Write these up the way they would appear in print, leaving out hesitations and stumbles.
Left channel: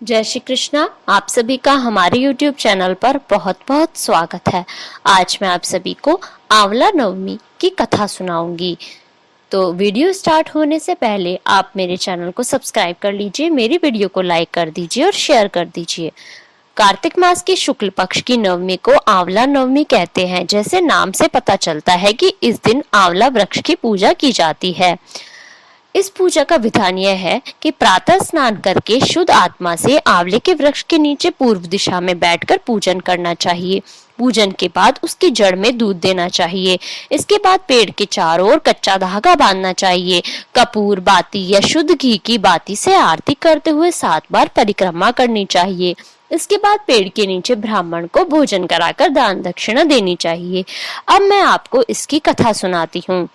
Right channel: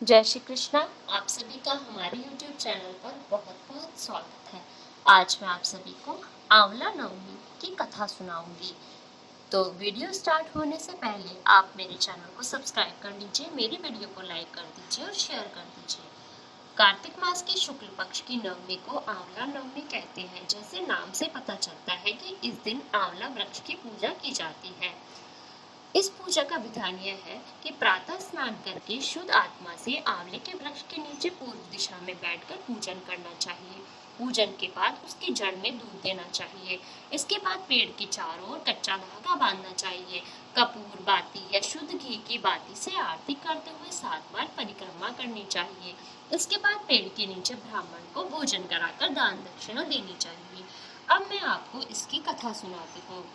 जय श्री कृष्णा। आप सभी का हमारे YouTube चैनल पर बहुत बहुत स्वागत है। आज मैं आप सभी को आंवला नवमी की कथा सुनाऊंगी। तो वीडियो स्टार्ट होने से पहले आप मेरे चैनल को सब्सक्राइब कर लीजिए, मेरी वीडियो को लाइक कर दीजिए और शेयर कर दीजिए। कार्तिक मास की शुक्ल पक्ष की नवमी को आंवला नवमी कहते हैं। जैसे नाम से पता चलता है कि इस दिन आंवला वृक्ष की पूजा की जाती है। इस पूजा का विधान यह है कि प्रातः स्नान करके शुद्ध आत्मा से आंवले के वृक्ष के नीचे पूर्व दिशा में बैठकर पूजन करना चाहिए। पूजन के बाद उसकी जड़ में दूध देना चाहिए। इसके बाद पेड़ के चारों ओर कच्चा धागा बांधना चाहिए। कपूर बाती या शुद्ध घी की बाती से आरती करते हुए 7 बार परिक्रमा करनी चाहिए। इसके बाद पेड़ के नीचे ब्राह्मण को भोजन कराकर दान दक्षिणा देनी चाहिए। अब मैं आपको इसकी कथा सुनाती हूँ।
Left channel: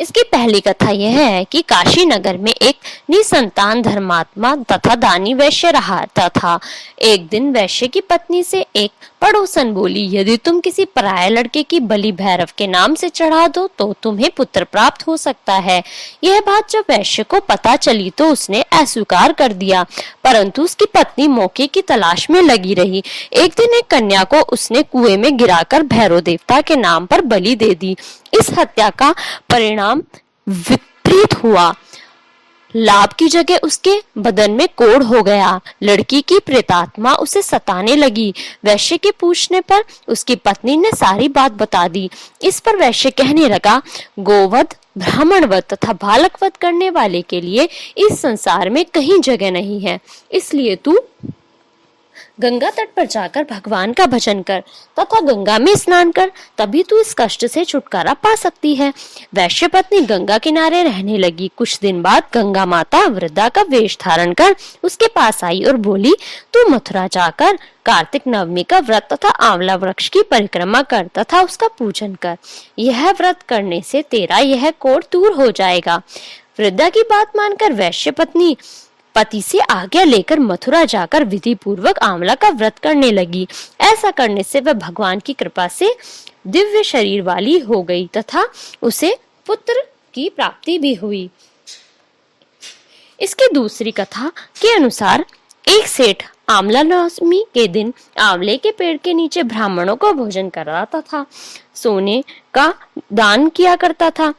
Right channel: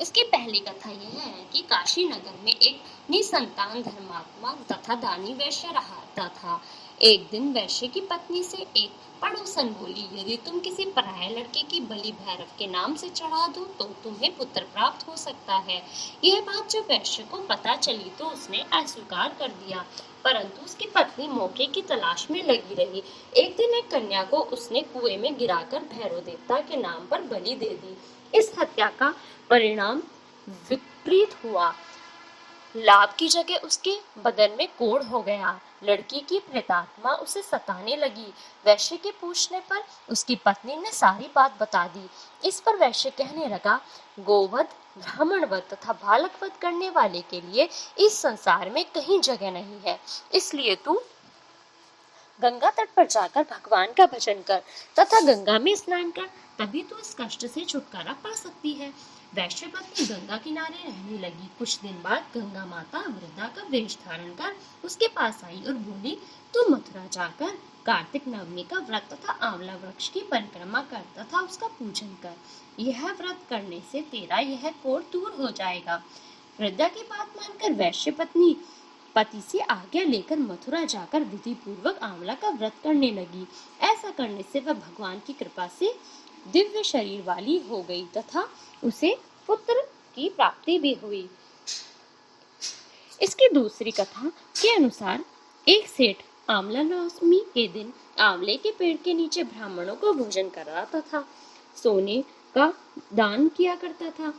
इसकी पहली कथा यह है कि काशी नगर में एक निसंतान धर्मात्मा तथा दानी वैश्य रहता था। एक दिन वैश्य की पत्नी से एक पड़ोसन बोली, यदि तुम किसी पराये लड़के की बलि भैरव के नाम से चढ़ा दो तो तुम्हें पुत्र प्राप्त हो सकता है। यह बात जब वैश्य को पता चली तो उसने अस्वीकार कर दिया, परंतु उसकी पत्नी मौके की तलाश में लगी रही। एक दिन एक कन्या को उसने कुएं में गिराकर भैरव देवता के नाम पर बलि दे दी। इस हत्या का परिणाम विपरीत हुआ। लाभ की जगह उसके बदन में कोढ़ हो गया। लड़की की प्रेतात्मा उसे सताने लगी। वैश्य के पूछने पर उसकी पत्नी ने सारी बात बता दी। इस पर वैश्य कहने लगा, गोवध, ब्राह्मणवध तथा बालकवध करने वाले के लिए इस संसार में कहीं जगह नहीं है। इसलिए तू गंगा तट पर जाकर भगवान का भजन कर तथा गंगा में स्नान कर, तभी तू इस कष्ट से छुटकारा पा सकती है। वैश्य पत्नी गंगा किनारे रहने लगी। कुछ दिन बाद गंगा माता वृद्धा का वेश धारण कर उसके पास आई और बोली, तू मथुरा जाकर कार्तिक नवमी का व्रत तथा आंवला वृक्ष की परिक्रमा कर तथा उसका पूजन कर। यह व्रत करने से तेरा यह कोढ़ दूर हो जाएगा। वृद्धा की बात मानकर वैश्य पत्नी पति से आज्ञा लेकर मथुरा जाकर विधि पूर्वक आंवला का व्रत करने लगी। ऐसा करने से वह भगवान की कृपा से दिव्य शरीर वाली हो गई तथा उसे पुत्र की प्राप्ति भी हुई। इसकी दूसरी कथा के अनुसार एक सेठ आंवला नवमी के दिन आंवले के पेड़ के नीचे ब्राह्मणों को भोजन कराता था, सोने का दान किया करता था।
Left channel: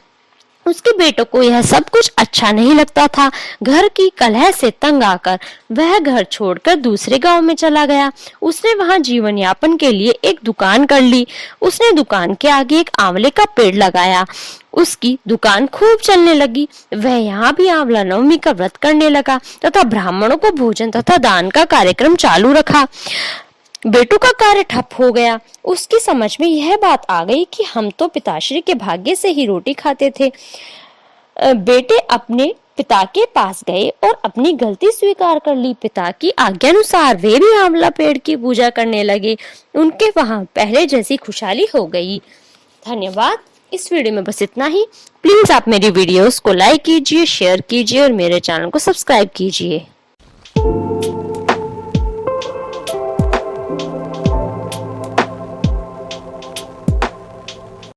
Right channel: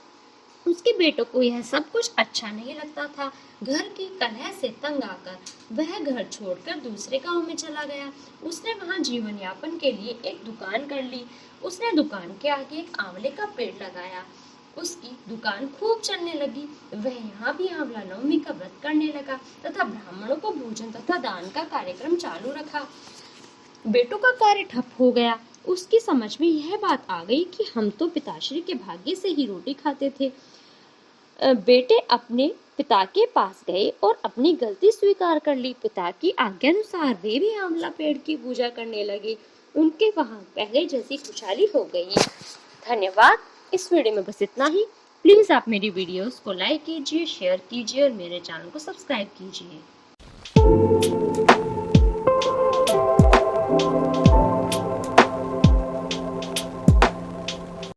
उसके बेटों को यह सब कुछ अच्छा नहीं लगता था। घर की कलह से तंग आकर वह घर छोड़कर दूसरे गांव में चला गया। उसने वहां जीवन यापन के लिए एक दुकान कर ली। उसने दुकान के आगे एक आंवले का पेड़ लगाया। उसकी दुकान खूब चलने लगी। वह यहाँ भी आंवला नवमी का व्रत करने लगा तथा ब्राह्मणों को भोजन तथा दान का कार्यक्रम चालू रखा। बेटों का कार्य ठप हो गया। उसकी समझ में यह बात आ गई कि हम तो पिताश्री के भाग्य से ही रोटी खाते थे। बेटे अपने पिता के पास गए और अपनी गलती स्वीकार कर ली। पिता की आज्ञानुसार वे भी आंवला पेड़ की पूजा करने लगे। उनके वहां पहले जैसी खुशहाली हो गई। धन्यवाद। इस वीडियो में बस इतना ही। प्लीज आप मेरी वीडियोस को लाइक कीजिए, शेयर कीजिए और मेरे चैनल को सब्सक्राइब कीजिए।